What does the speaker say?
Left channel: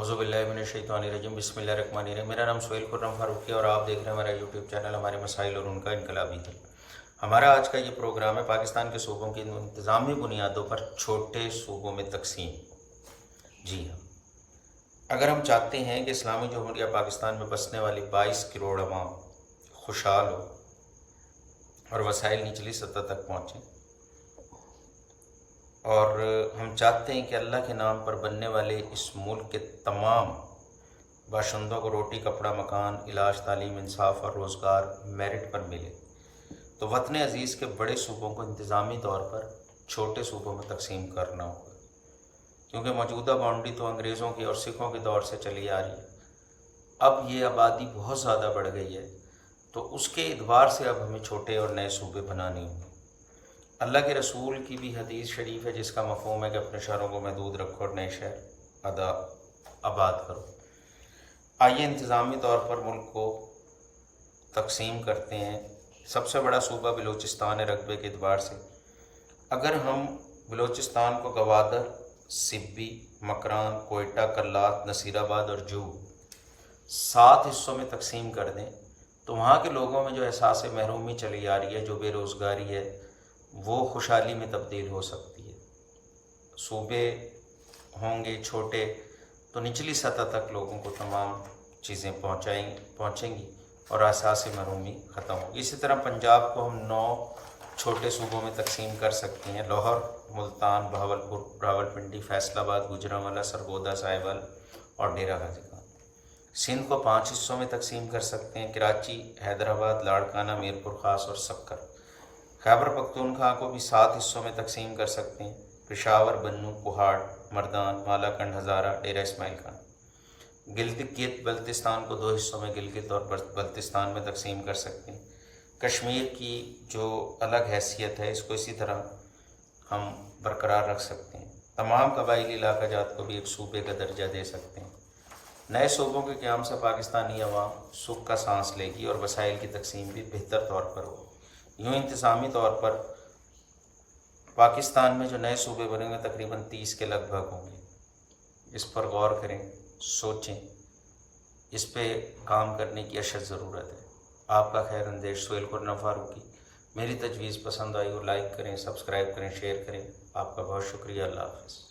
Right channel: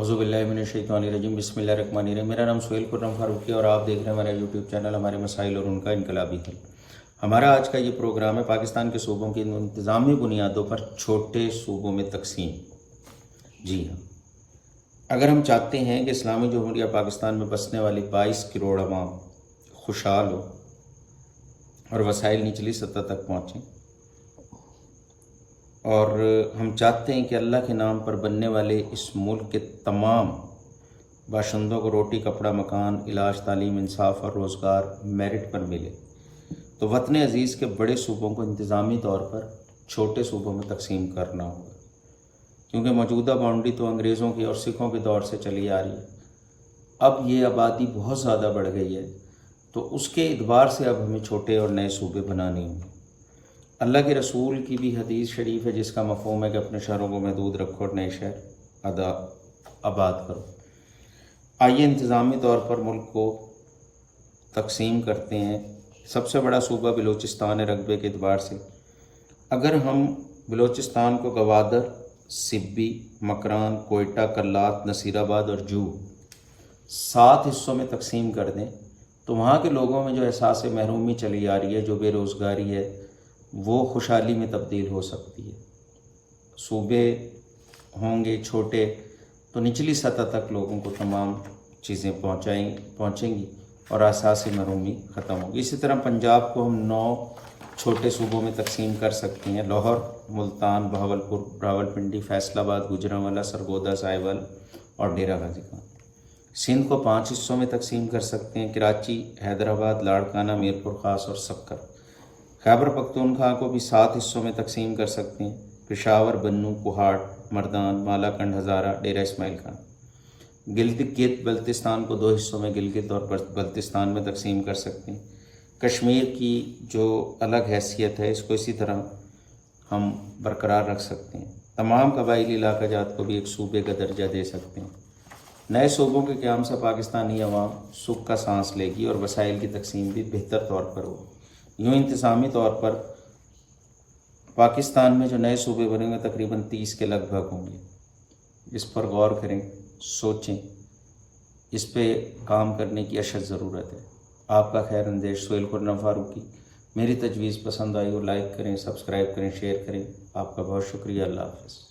औज़ुबिल्लाहिमिनश्शैतानिर्रजीम बिस्मिल्लाहिर्रहमानिर्रहीम। मेरा नाम सुहेल खुर्रम फारूकी और आप देख रहे हैं हमारा यूट्यूब चैनल हमारे मसाइल और उनका इनकलाबी हल। हमारा आज का ये प्रोग्राम है पाकिस्तान के सूबों की इंतज़ामी बुनियादों पर छोटे सूबों में तकसीम। जी हाँ, अगर हम चाहते हैं कि इस्लामी जमहूरिया पाकिस्तान में बसने वाली 22 करोड़ अवाम खुशहाल हो और वसाइल निचली सतह तक पहुँचें, और हम चाहते हैं कि अल्लाह के नाम पर बनने वाले इस मुल्क के तमाम बाशिंदों को रोटी, कपड़ा, मकान, इलाज, तालीम, इंसाफ और रोज़गार मेरिट पर मिले, तो वतन अज़ीज़ के बड़े सूबों को इंतज़ामी तौर पर छोटे सूबों में तकसीम करना होगा। क्योंकि मौजूदा बाउंड्री तो अंग्रेज़ों की और सिखों के दौर से चली आ रही है। अब ये आबादी बहुत ज़्यादा बढ़ गई है, तो उसके एतबार से अब हमें छोटे और नए सूबे बनाने होंगे। अल्लाह के रसूल की भी हदीस शरीफ है जिसका मफ़हूम है कि अपने शहरों को महदूद रखो और नए शहर आबाद करो। आइए इंतज़ामी तौर पर मुल्क को तकसीम करते हैं। सबसे बड़ा सूबा बलूचिस्तान है रकबे के एतबार से। अगर हम बलूचिस्तान को गवादर, सिब्बी, मकरान, कोयटा, कल्लात, नसीराबाद और जू 7 हिस्सों में तकसीम कर दें, तो वहाँ के लोगों में जो एहसास महरूमी चली आ रही है, जो बेरोज़गारी है, वो खुशहाली में तब्दील हो सकती है। सूबे होंगे छोटे तो निचली सतह तक लोगों को तमाम चीज़ें पहुँचेंगी और एहसास महरूमी ख़त्म होगी। इसी तरह पंजाब को हम 9 छोटे सूबों में तकसीम कर सकते हैं। लाहौर, मुल्तान, बहावलपुर, रावलपिंडी, फैसलाबाद, गुजरांवाला, सरगोदा, साहिवाल और डेरा गाजी खान। सिंध को 5 हिस्सों में तकसीम कर सकते हैं। कराची, हैदराबाद, लाड़काना, मीरपुर ख़ास और सक्कर। खैबर पख्तूनख्वा को भी 7 हिस्सों में तकसीम कर सकते हैं। पेशावर, बन्नू, कुहाड़, मर्दान, मालाकंड, हज़ारा, डेरा इस्माइल खान। गिलगित बल्तिस्तान को 2 हिस्सों में गिलगित और बल्तिस्तान में तकसीम कर सकते हैं। कश्मीर की जो अलग हैसियत है, इसको इसी तरह हम बरकरार रख सकते हैं। तमाम कबाइली इलाका जात को भी एक सूबे का दर्जा दे सकते हैं। नए सूबों के क़याम से पाकिस्तानी अवाम सुख का सांस लेगी और वसाइल की तकसीम भी बेहतर तौर पर होगी। यूँ इंतज़ामी तौर पर पाकिस्तान में जो नए सूबे बनेंगे तकरीबन 30 के लगभग होंगे। इस पर गौर करें, सोचें, इस पे काम करने की अशद ज़रूरत है। आपका खैर अंदेश सुहेल खुर्रम फारूकी। मेरी तजवीज़ पसंद आई और लाइक करें, सब्सक्राइब करें, शेयर करें। आपका बहुत शुक्रिया। अल्लाह हाफ़िज़।